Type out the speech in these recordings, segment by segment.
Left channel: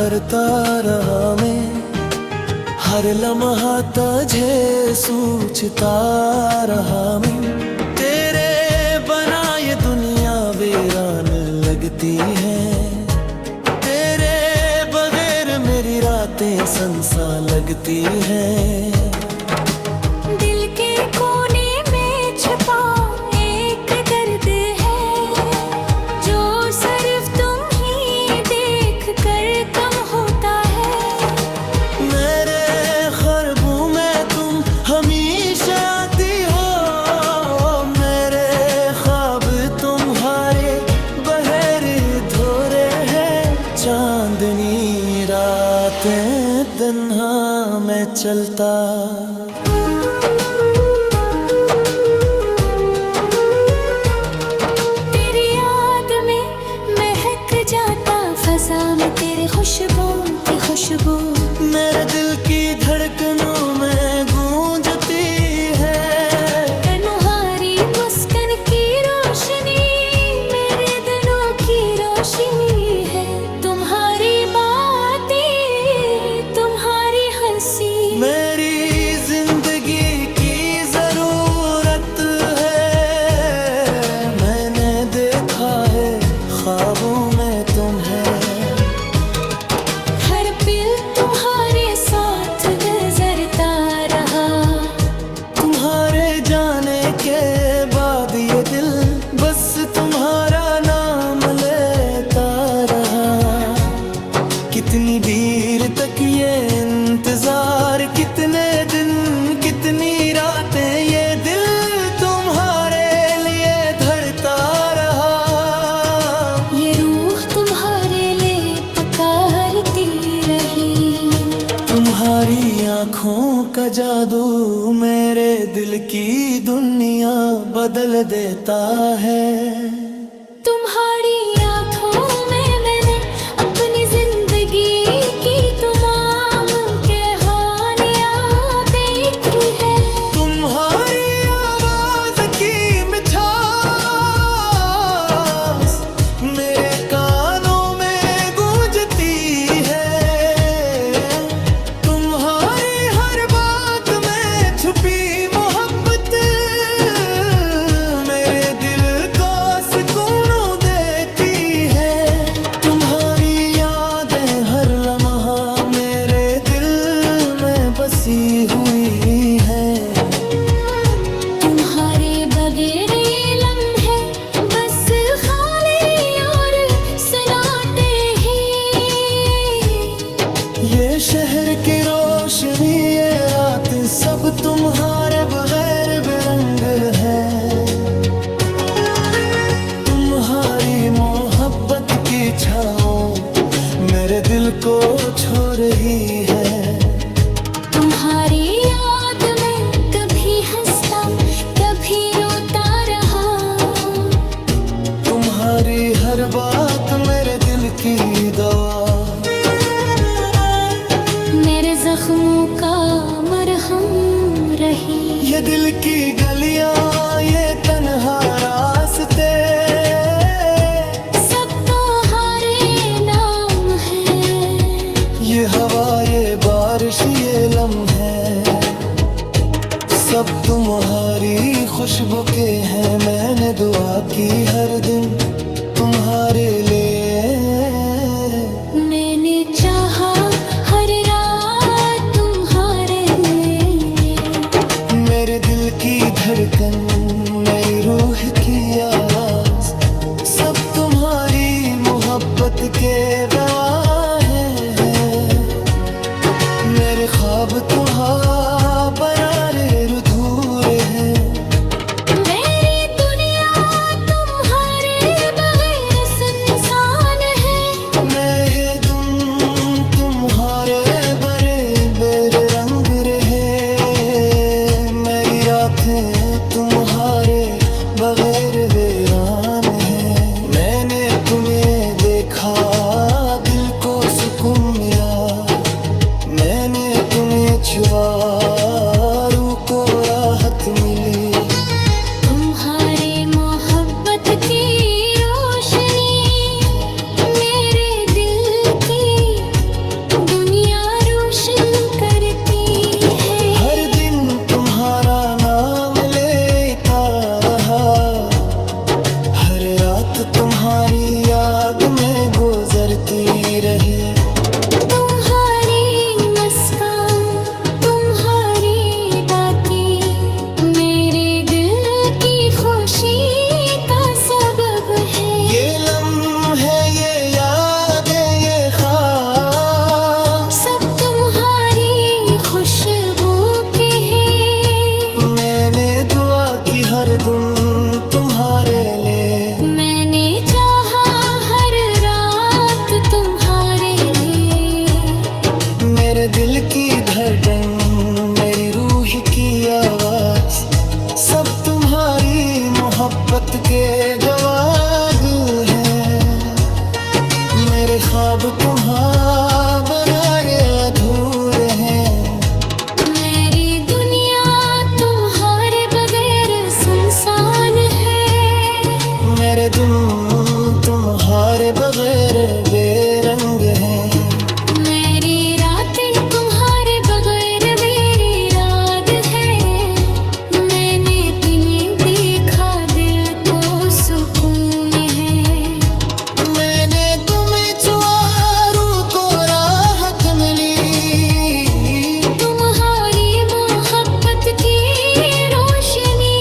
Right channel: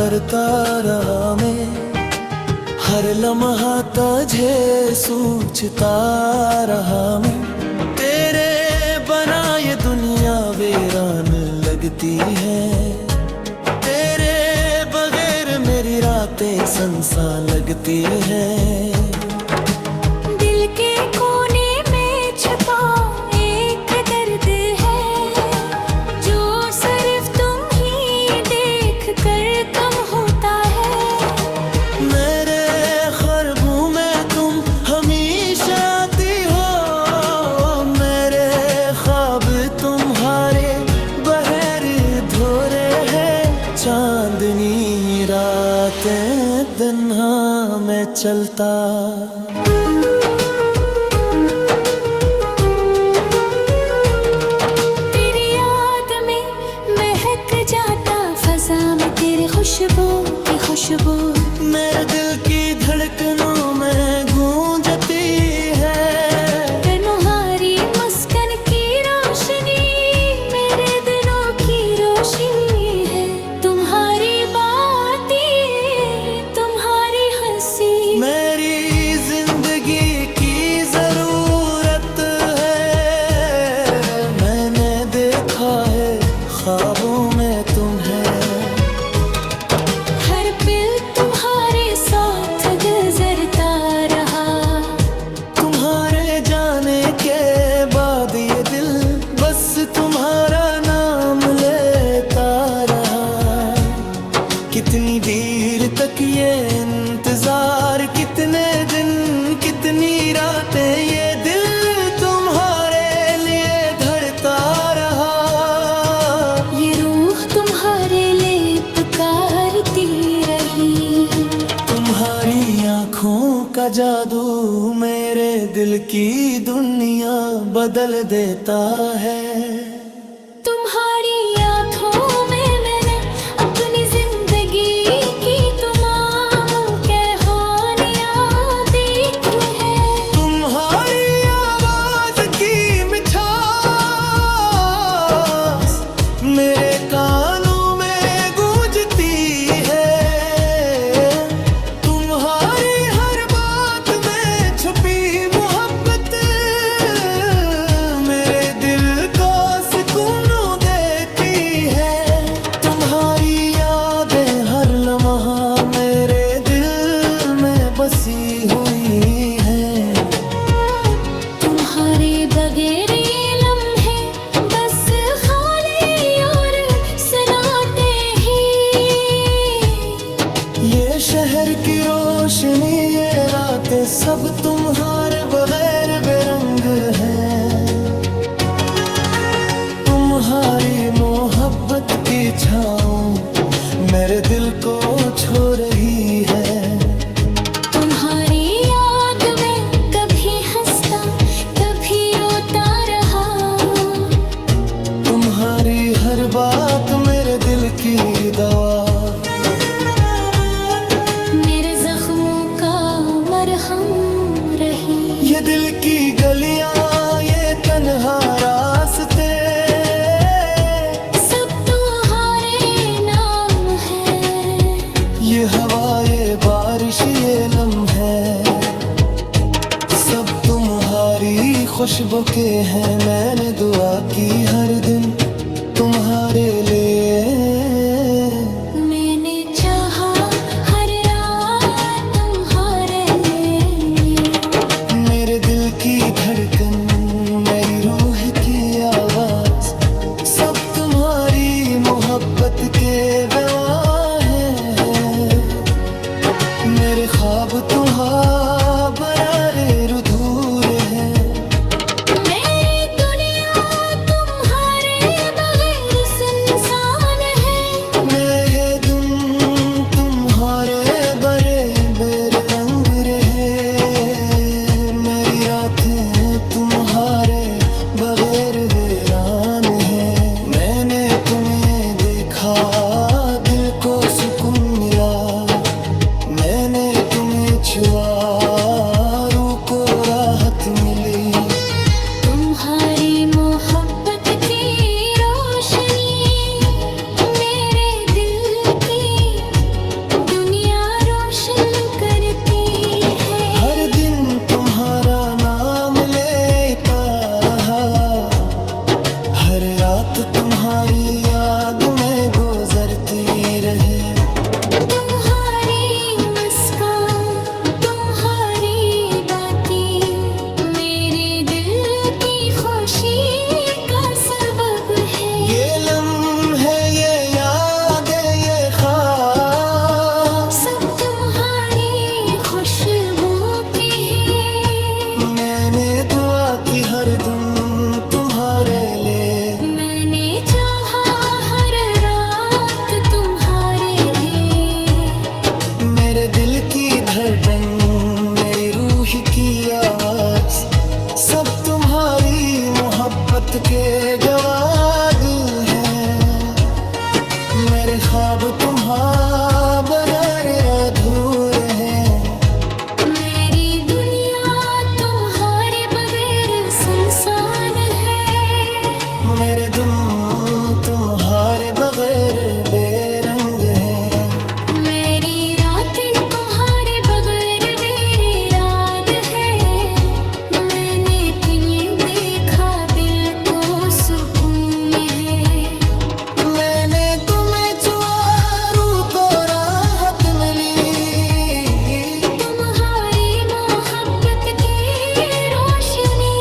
करता रहा मैं, हर लम्हा तुझे सोचता रहा मैं। तेरे बना ये दुनिया वीरान लगती है, तेरे बगैर मेरी रातें सुनसान लगती हैं। दिल के कोने में छिपा एक दर्द है, जो सिर्फ तुम ही देख कर कम होता है। मेरे ख्वाबों में तुम हमेशा आती हो, मेरे ख्वाब तुम्हारे बहर धोरे हैं। चांदनी रातें दिन हाँ मैं चलता, तेरी याद में महक जाता फजा में तेरी खुशबू की खुशबू। मेरे दिल की धड़कनों में गूंजती है, तुम्हारी मुस्कान की रोशनी मेरे दिलों की रोशनी है। तुम्हारी बातें तुम्हारी हंसी मेरी जिंदगी की जरूरत है। मैंने देखा है ख्वाबों में तुम्हें, हर पल तुम्हारे साथ गुजरता रहा। तुम्हारे जाने के बाद ये दिल बस तुम्हारा नाम लेता रहा। कितनी देर तक ये इंतजार, कितने दिन कितनी रातें ये दिल तुम्हारे लिए धड़ता रहा। ये रूह तुम्हारे लिए पुकारती रही। तुम्हारी आँखों का जादू मेरे दिल की दुनिया बदल देता है। तुम्हारी आँखों में मैंने अपनी जिंदगी की तमाम कहानियाँ देखी है। तुम्हारी आवाज की मिठास मेरे कानों में गूंजती है। तुम्हारी हर बात में छुपी मोहब्बत मेरे दिल को सुकून देती है। तुम्हारी यादें हर लम्हा मेरे दिल में बसी हुई है। तुम्हारे बगैर ये लम्हे बस खाली और सन्नाटे ही। ये शहर की रोशनी ये रातें सब तुम्हारे बगैर बेरंग है। तुम्हारी मोहब्बत की छाँव मेरे दिल को छू रही है। तुम्हारी याद में कभी हंसता कभी रोता रहा। तुम्हारी हर बात मेरे दिल की दवा, मेरे जख्मों का मरहम रही। ये दिल की गलियां ये तन्हा रास्ते सब तुम्हारे नाम है। ये हवा ये बारिश ये लम्हे सब तुम्हारी खुशबू के हैं। मैंने दुआ की हर दिन तुम्हारे लिए, मैंने चाहा हर रात तुम्हारे लिए। मेरे दिल की धड़कन मेरी रूह की आवाज सब तुम्हारी मोहब्बत के गवाह हैं। मेरे ख्वाब तुम्हारे बरारे अधूरे हैं। मेरी दुनिया तुम्हारे बगैर सुनसान है। मैं धुन तुम्हारे बड़े बेरे रंग रहे। मेरी रातें तुम्हारे बगैर वीरान है। मैंने तुम्हें देखा दिल को सुकून मिला। मैंने तुम्हें छुआ रूह को राहत मिली। तुम्हारी मोहब्बत की रोशनी मेरे दिल की तुम्हारी याद में गुजरती रही। तुम्हारी मुस्कान, तुम्हारी बातें मेरे दिल की खुशी का सबब है। ये लम्हे, ये यादें, ये ख्वाब सब तुम्हारी खुशबू के हैं। मैंने दुआ की हर दिन तुम्हारे लिए। मैंने चाहा हर रात तुम्हारे लिए। मेरे दिल की धड़कन, मेरी रूह की आवाज, सब तुम्हारी मोहब्बत के गवाह हैं। मेरे ख्वाब तुम्हारे बगैर अधूरे हैं। मेरी दुनिया तुम्हारे बगैर सुनसान है। मेरे दिल तुम्हारे बगैर बेरंग हैं। मेरी रातें तुम्हारे बगैर मेरी रात है। मैंने तुम्हें देखा, दिल को सुकून है। मैंने तुम्हें छुआ, रूह को राहत मिली। तुम्हारी मोहब्बत की रोशनी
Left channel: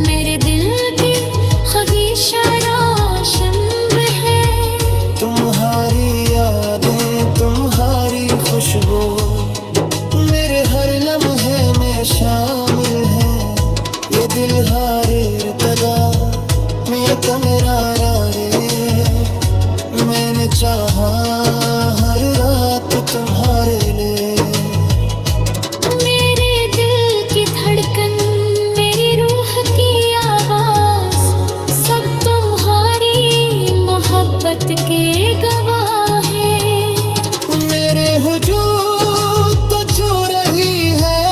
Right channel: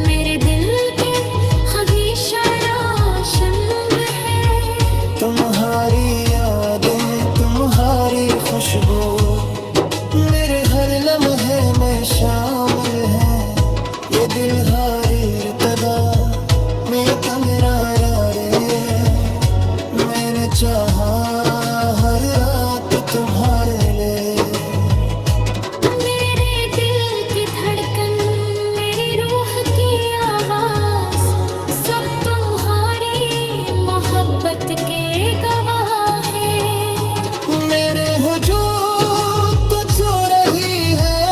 मेरे दिल के हमेशा रोशन है। तुम्हारी यादें, तुम्हारी खुशबू मेरे हर लम्हे में शामिल है। ये दिल हारे इर्तदा में कमरा रे। मैंने चाहा हर रात तुम्हारे लिए। मेरे दिल की धड़कन, मेरी रूह की आवाज, सब तुम्हारी मोहब्बत के गवाह हैं। मेरे हुजूर तो छू रही है।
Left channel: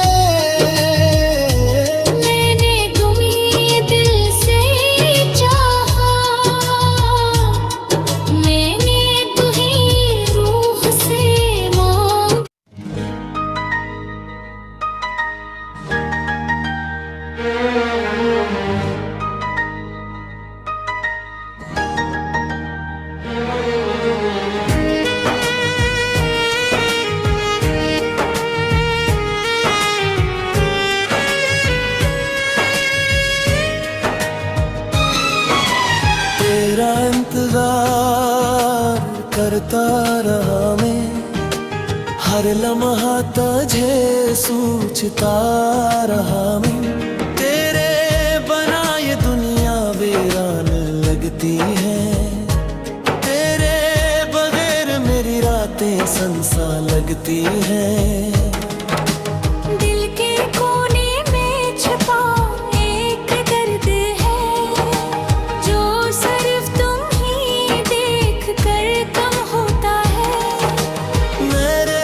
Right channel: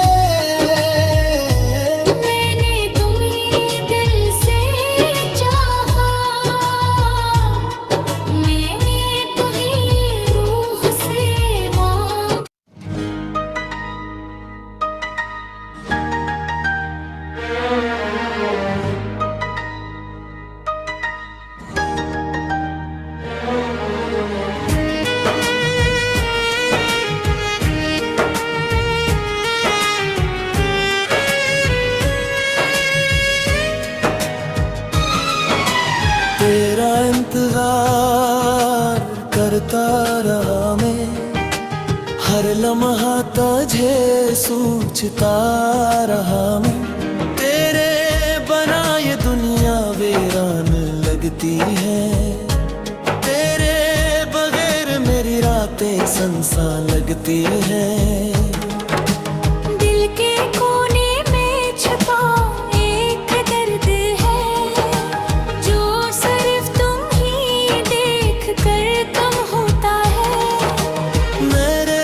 मैंने तुम्हें दिल से चाहा। मैंने तुम्हें रूह से मांगा। तेरा इंतजार करता रहा मैं, हर लम्हा तुझे सोचता रहा मैं। तेरे बना ये दुनिया वीरान लगती है। तेरे बगैर मेरी रातें सुनसान लगती हैं। दिल के कोने में छुपा एक दर्द है, जो सिर्फ तुम ही देख कर कम होता है। मेरे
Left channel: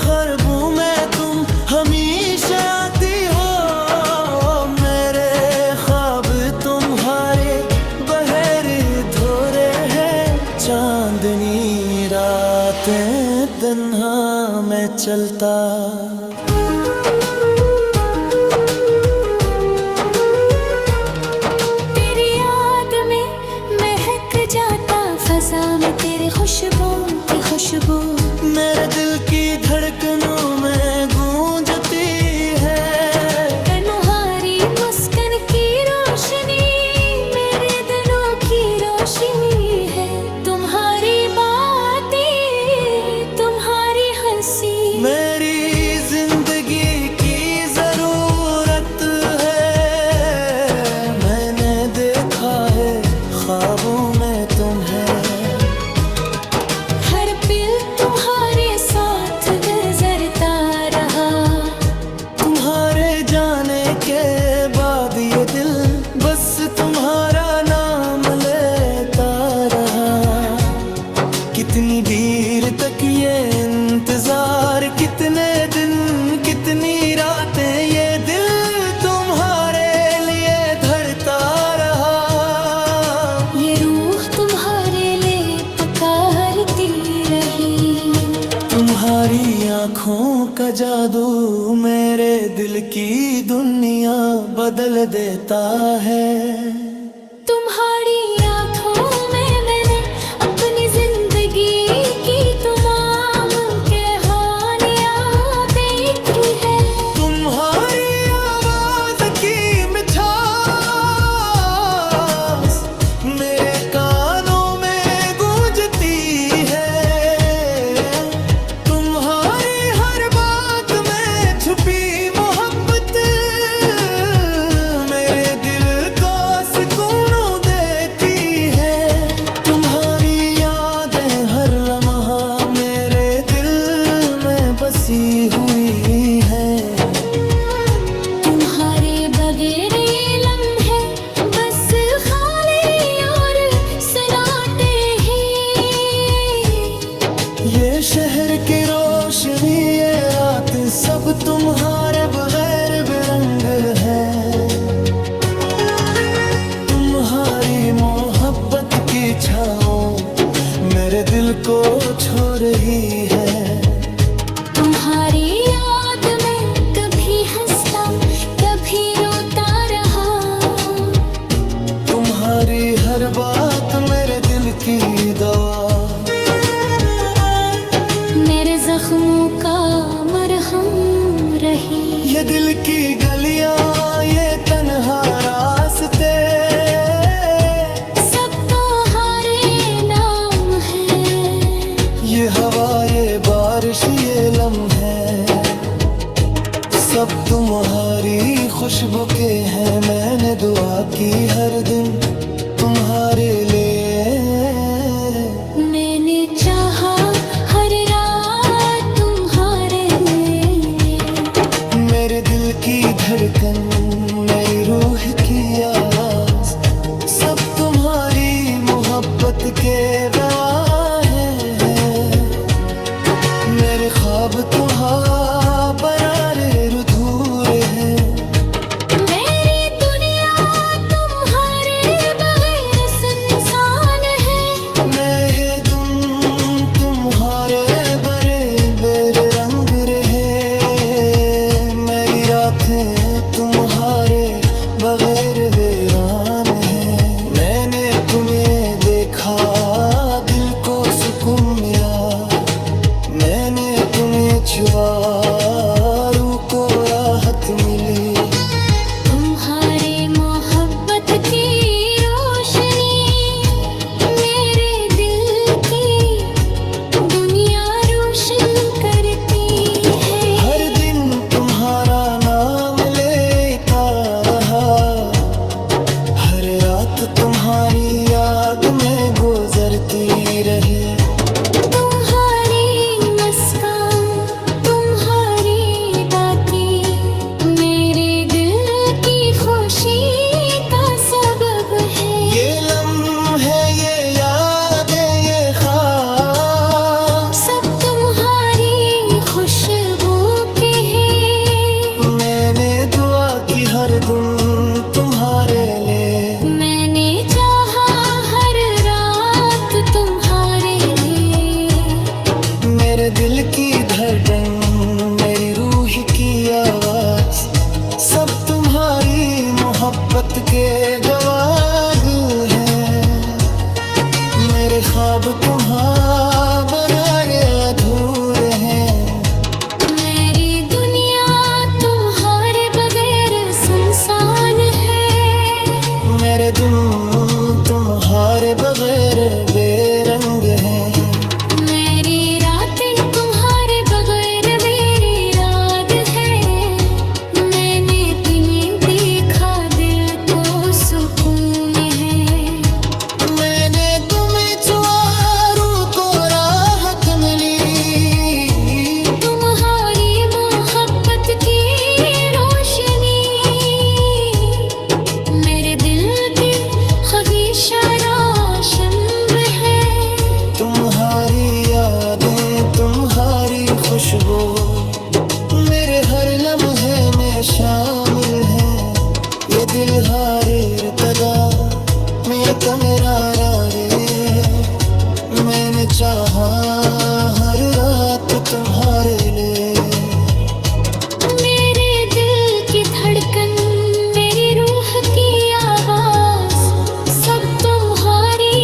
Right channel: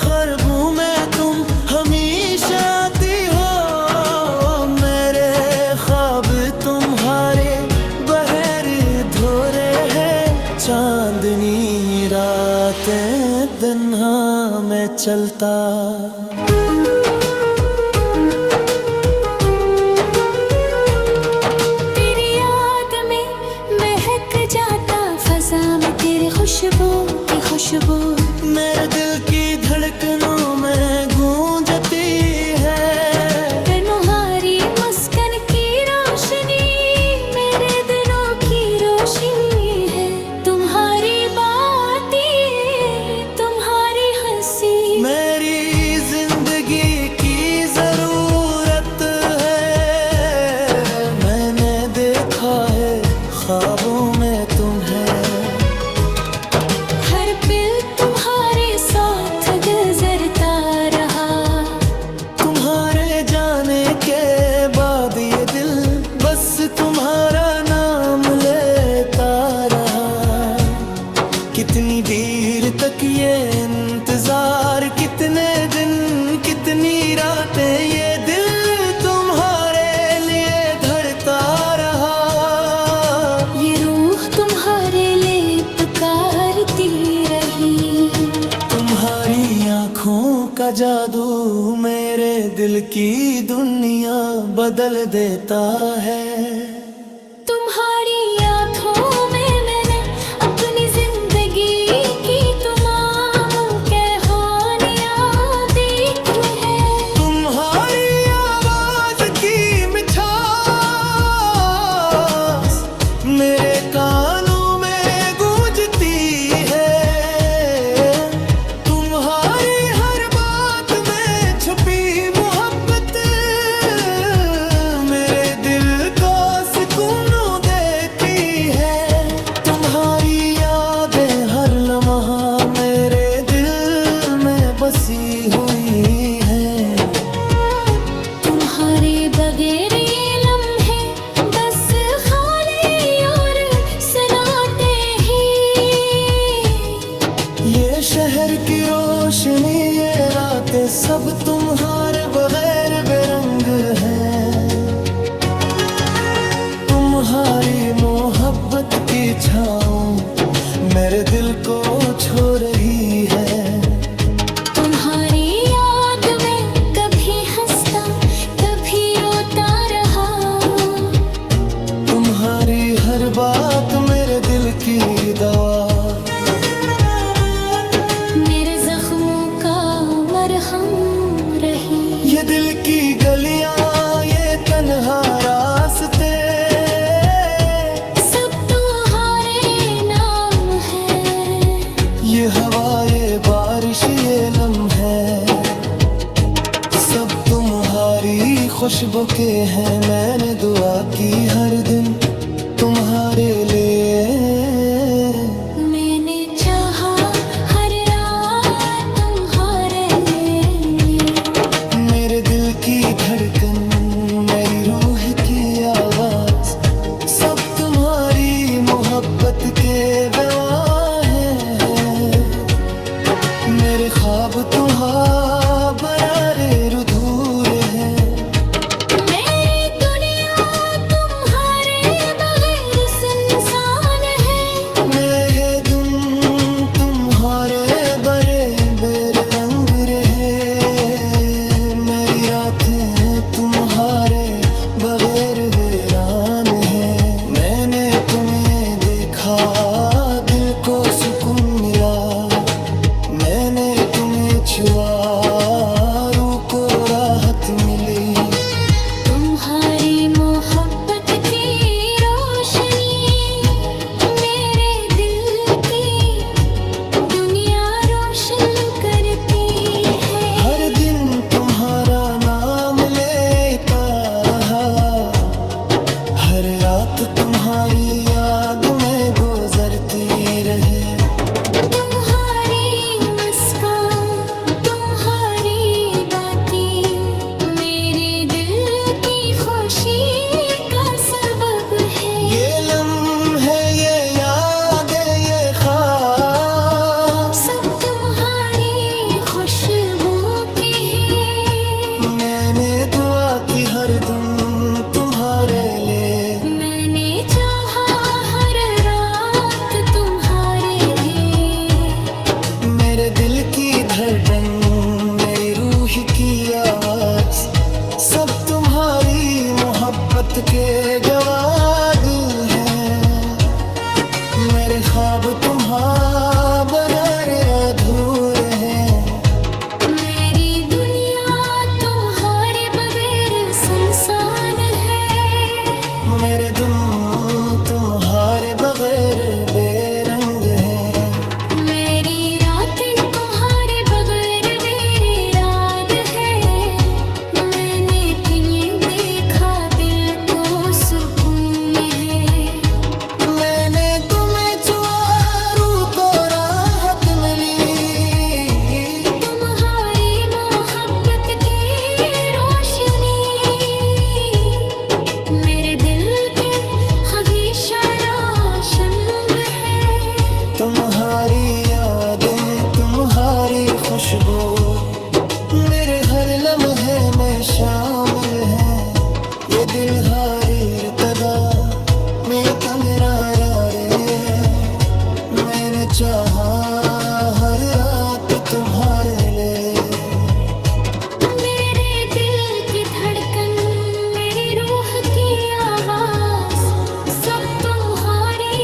ख्वाबों में तुम हमेशा आती हो। मेरे ख्वाब तुम्हारे बहर धोरे हैं। चांदनी रातें तन्हा मैं चलता। तेरी याद में महक जाता फजा में तेरी खुशबू की खुशबू। मेरे दिल की धड़कनों में गूंजती है। तुम्हारी मुस्कान की रोशनी मेरे दिलों की रोशनी है। तुम्हारी बातें, तुम्हारी हंसी मेरी जिंदगी की जरूरत है। मैंने देखा है ख्वाबों में तुम्हें। हर पल तुम्हारे साथ गुजरता रहा। तुम्हारे जाने के बाद ये दिल बस तुम्हारा नाम लेता रहा। कितनी देर तक ये इंतजार, कितने दिन कितनी रातें ये दिल तुम्हारे लिए धड़ता रहा। ये रूह तुम्हारे लिए पुकारती रही। तुम्हारी आँखों का जादू मेरे दिल की दुनिया बदल देता है। तुम लम्हों में मैंने अपनी जिंदगी की तमाम कहानियां देखी है। तुम्हारी आवाज की मिठास मेरे कानों में गूंजती है। तुम्हारी हर बात में छुपी मोहब्बत मेरे दिल को सुकून देती है। तुम्हारी यादें हर लम्हा मेरे दिल में बसी हुई है। तुम्हारे बगैर ये लम्हे बस खाली और सन्नाटे ही। ये शहर की रोशनी ये रातें सब तुम्हारे बगैर बेरंग है। तुम्हारी मोहब्बत की छाँव मेरे दिल को छू रही है। तुम्हारी याद में कभी हंसता कभी रोता रहा। तुम्हारी हर बात मेरे दिल की दवा मेरे जख्मों का मरहम रही। ये दिल की गलियां ये तन्हा रास्ते सब तुम्हारे नाम है। ये हवा ये बारिश ये लम्हे सब तुम्हारी खुशबू के हैं। मैंने दुआ की हर दिन तुम्हारे लिए। मैंने चाहा हर रात तुम्हारे लिए। मेरे दिल की धड़कन मेरी रूह की आवाज सब तुम्हारी मोहब्बत के गवाह हैं। मेरे ख्वाब तुम्हारा बरारे अधूरे हैं। मेरी दुनिया तुम्हारे बगैर सुनसान है। मैं तुम तुम्हारे बड़े बेरे रंग रहे। मेरी रातें तुम्हारे बगैर वीरान है। मैंने तुम्हें देखा दिल को सुकून मिला। मैंने तुम्हें छुआ रूह को राहत मिली। तुम्हारी मोहब्बत की रोशनी मेरे दिल की दुनिया रोशन करती है। हर दिन तुम्हारा नाम लेता रहा। हर रात तुम्हारी याद में गुजरती रही। तुम्हारी मुस्कान तुम्हारी बातें मेरे दिल की खुशी का सबब है। ये लम्हे ये यादें ये ख्वाब सब तुम्हारी खुशबू के हैं। मैंने दुआ की हर दिन तुम्हारे लिए। मैंने चाहा हर रात तुम्हारे लिए। मेरे दिल की धड़कन मेरी रूह की आवाज सब तुम्हारी मोहब्बत के गवाह हैं। मेरे ख्वाब तुम्हारा बगैर अधूरे हैं। मेरी दुनिया तुम्हारे बगैर सुनसान है। मेरे दिल तुम्हारे बगैर बेरंग हैं। मेरी रातें तुम्हारे बगैर मेरी रात है। मैंने तुम्हें देखा दिल को सुकून है। मैंने तुम्हें छुआ रूह को राहत मिली। तुम्हारी मोहब्बत की रोशनी मेरे दिल के ख्वाहिशा रोशन है। तुम्हारी यादें तुम्हारी खुशबू मेरे हर लम्हे में शामिल है। ये दिल हारे इर्तदा में कमरा रे। मैंने चाहा हर रात तुम्हारे लिए। मेरे दिल की धड़कन मेरी रूह की आवाज सब तुम्हारी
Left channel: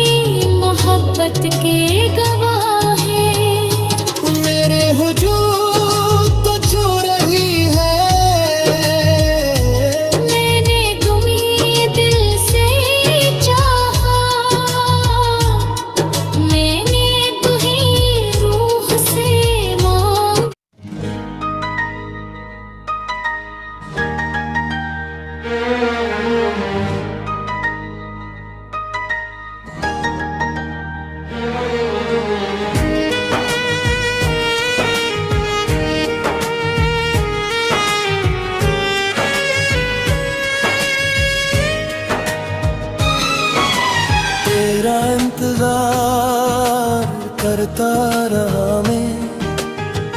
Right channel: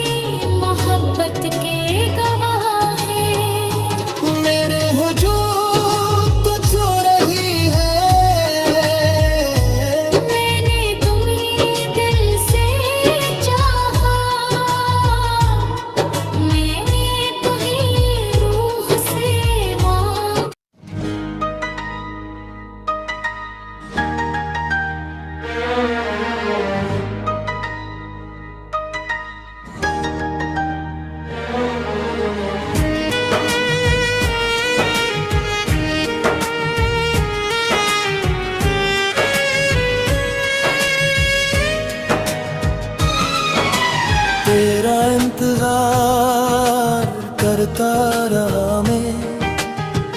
भरता रहा मैं,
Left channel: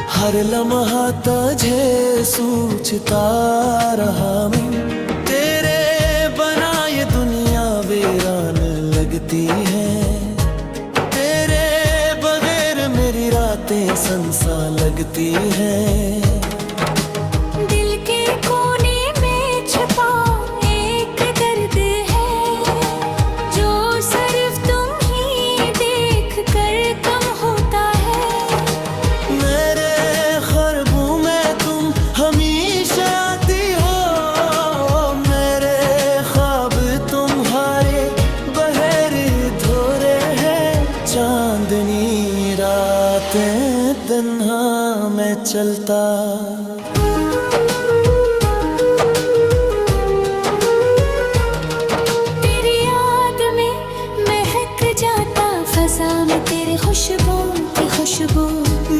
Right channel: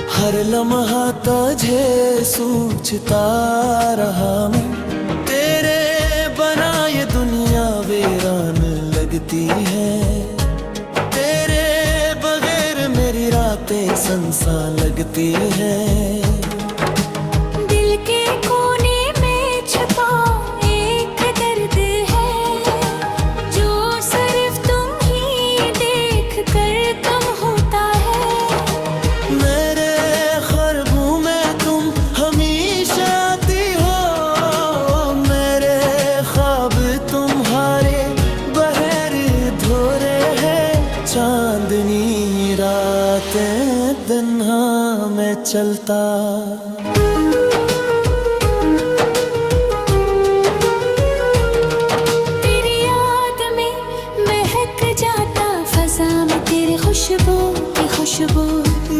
हर लम्हा तुझे सोचता रहा मैं। तेरे बना ये दुनिया वीरान लगती है, तेरे बगैर मेरी रातें सुनसान लगती हैं। दिल के कोने में छुपा एक दर्द है, जो सिर्फ तुम ही देख कर कम होता है। मेरे ख्वाबों में तुम हमेशा आती हो, मेरे ख्वाब तुम्हारे बहर धोरे हैं। चांदनी रातें तन्हा मैं चलता, तेरी याद में महक जाता फजा में तेरी खुशबू की खुशबू।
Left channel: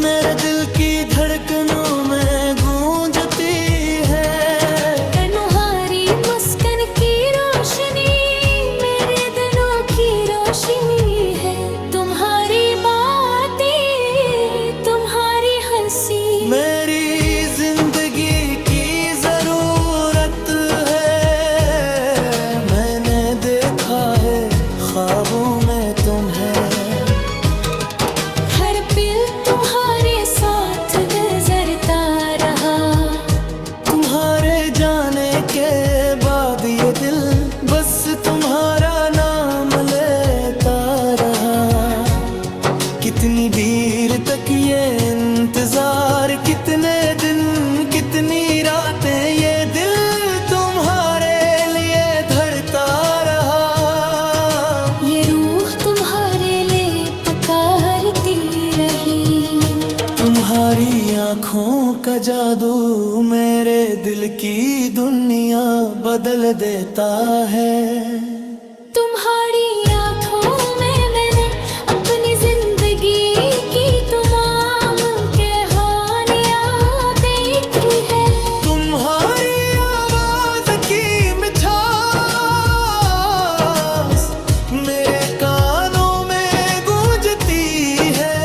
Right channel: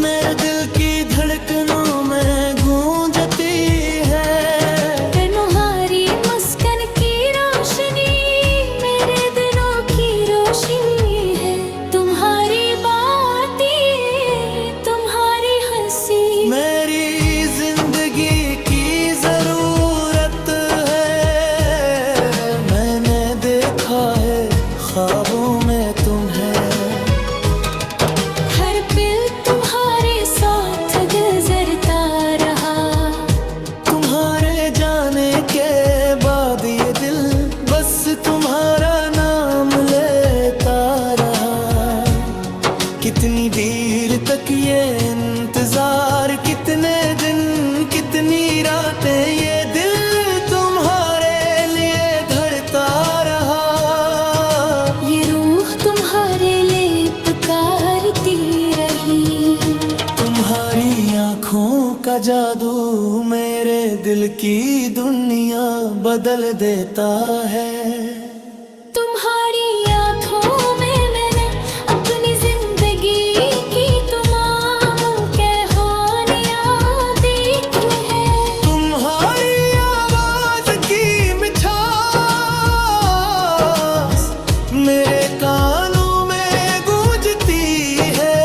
मेरे दिल की धड़कनों में गूंजती है, तुम्हारी मुस्कान की रोशनी मेरे दिलों की रोशनी है। तुम्हारी बातें तुम्हारी हंसी मेरी जिंदगी की जरूरत है। मैंने देखा है ख्वाबों में तुम्हें, हर पल तुम्हारे साथ गुजरता रहा। तुम्हारे जाने के बाद ये दिल बस तुम्हारा नाम लेता रहा। कितनी देर तक ये इंतजार, कितने दिन कितनी रातें ये दिल तुम्हारे लिए धड़ता रहा। ये रूह तुम्हारे लिए पुकारती रही। तुम्हारी आँखों का जादू मेरे दिल की दुनिया बदल देता है। तुम्हारी आँखों में मैंने अपनी जिंदगी की तमाम कहानियाँ देखी है। तुम्हारी आवाज की मिठास मेरे कानों में गूंजती है।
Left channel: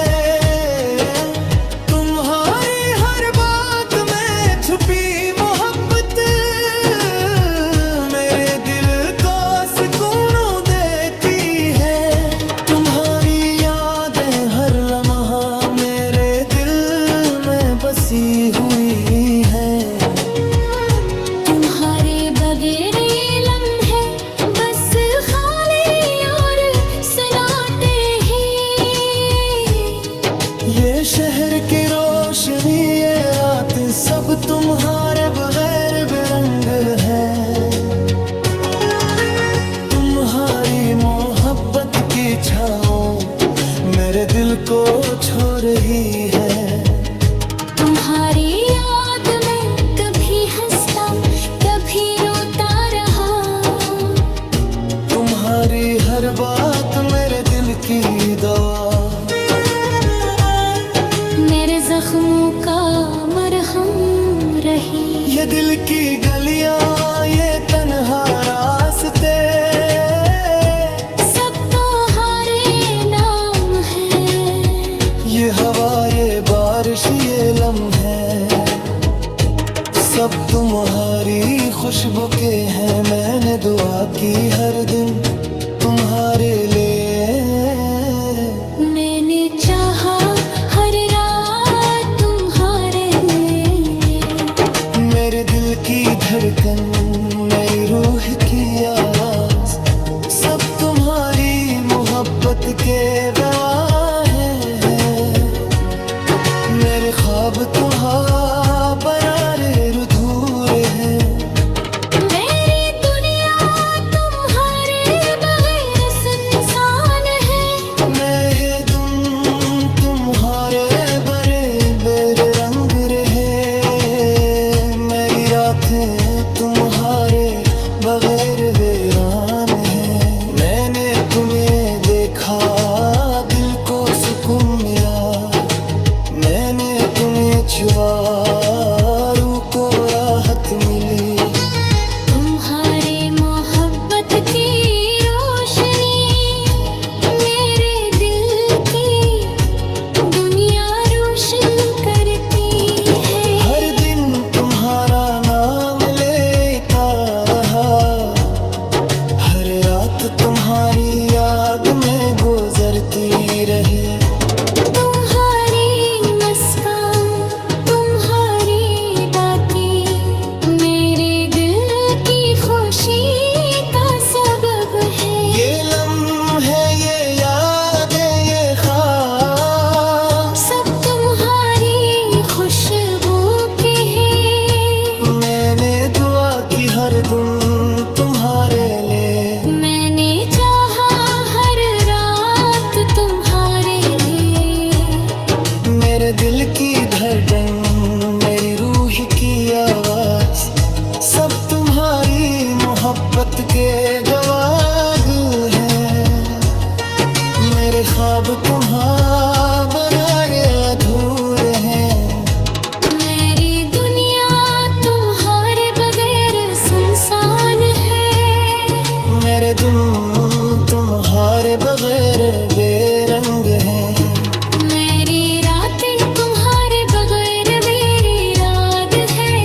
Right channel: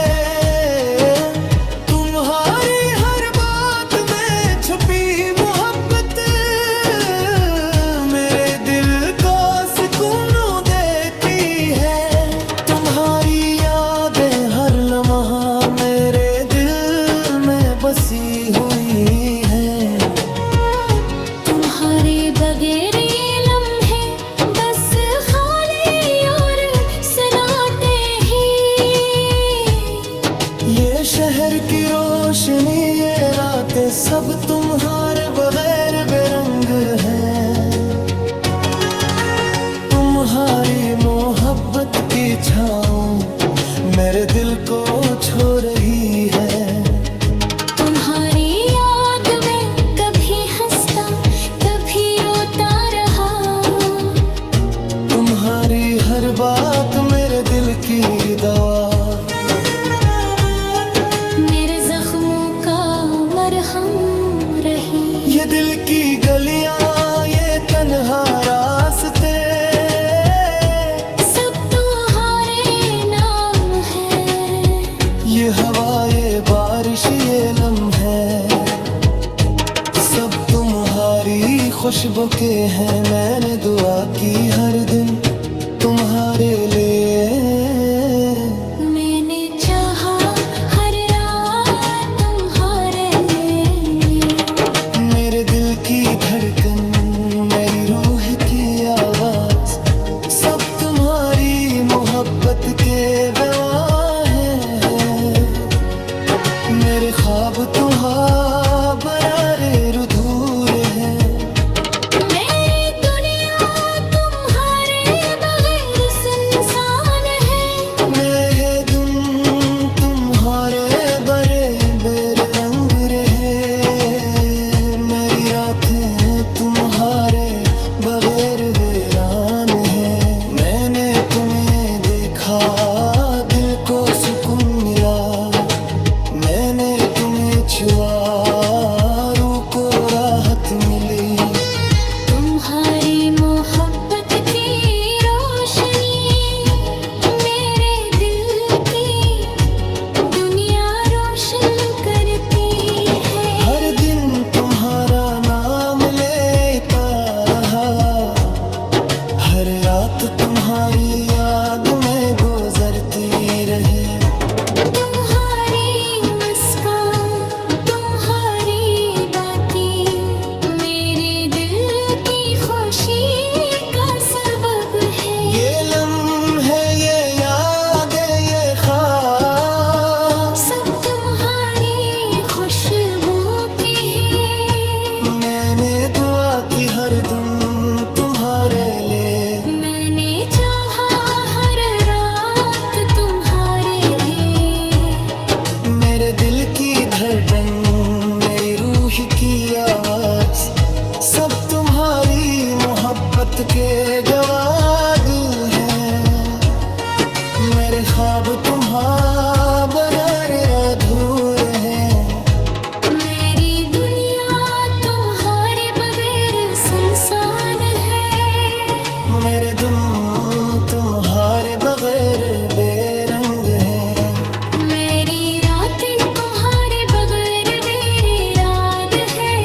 तुम्हारी हर बात में छुपी मोहब्बत मेरे दिल को सुकून देती है। तुम्हारी यादें हर लम्हा मेरे दिल में बसी हुई है। तुम्हारे बगैर ये लम्हे बस खाली और सन्नाटे ही। ये शहर की रोशनी ये रातें सब तुम्हारे बगैर बेरंग है। तुम्हारी मोहब्बत की छाँव मेरे दिल को छू रही है। तुम्हारी याद में कभी हंसता कभी रोता रहा। तुम्हारी हर बात मेरे दिल की दवा, मेरे जख्मों का मरहम रही। ये दिल की गलियां ये तन्हा रास्ते सब तुम्हारे नाम है। ये हवा ये बारिश ये लम्हे सब तुम्हारी खुशबू के हैं। मैंने दुआ की हर दिन तुम्हारे लिए, मैंने चाहा हर रात तुम्हारे लिए। मेरे दिल की धड़कन मेरी रूह की आवाज सब तुम्हारी मोहब्बत के गवाह हैं। मेरे ख्वाब तुम्हारा बरारे अधूरे हैं। मेरी दुनिया तुम्हारे बगैर सुनसान है। मैं तुम तुम्हारे बड़े बेर रंग रहे। मेरी रातें तुम्हारे बगैर वीरान है। मैंने तुम्हें देखा दिल को सुकून मिला। मैंने तुम्हें छुआ हरदम तुम्हारे लिए। मैंने चाहा हर रात तुम्हारे लिए। मेरे दिल की धड़कन, मेरी रूह की आवाज, सब तुम्हारी मोहब्बत के गवाह हैं। मेरे ख्वाब तुम्हारे बगैर अधूरे हैं। मेरी दुनिया तुम्हारे बगैर सुनसान है। मेरे दिल तुम्हारे बगैर बेरंग हैं। मेरी रातें तुम्हारे बगैर मेरी रात है।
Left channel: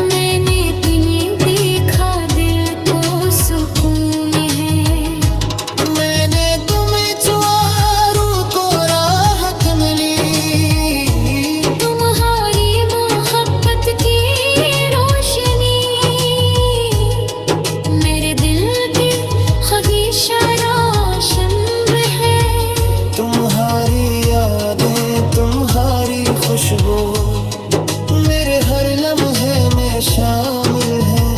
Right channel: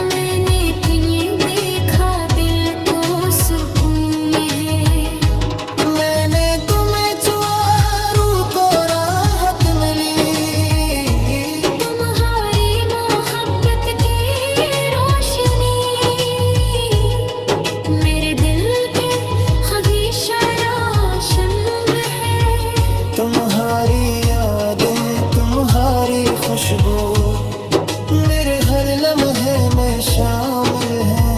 मैंने तुम्हें देखा दिल को सुकून है। मैंने तुम्हें छुआ रूह को राहत मिली। तुम्हारी मोहब्बत की रोशनी मेरे दिल के ख्वाहिशारा शम्र है। तुम्हारी यादें, तुम्हारी खुशबू मेरे हर लम्हे में शामिल है।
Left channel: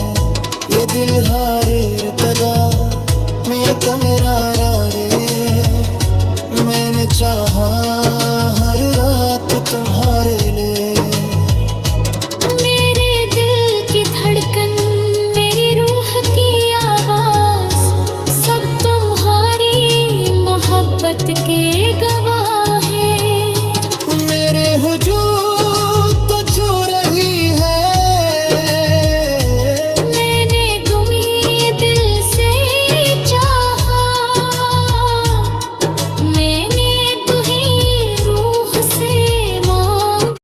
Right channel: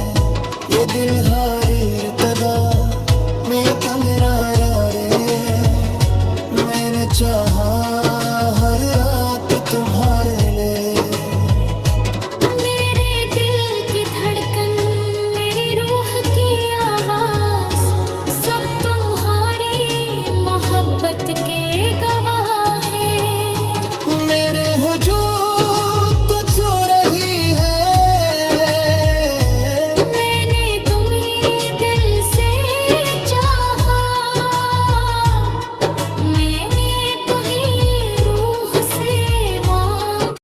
ये दिल हार इर्तदा में कमरा रे। मैंने चाहा हर रात तुम्हारे लिए। मेरे दिल की धड़कन, मेरी रूह की आवाज, सब तुम्हारी मोहब्बत के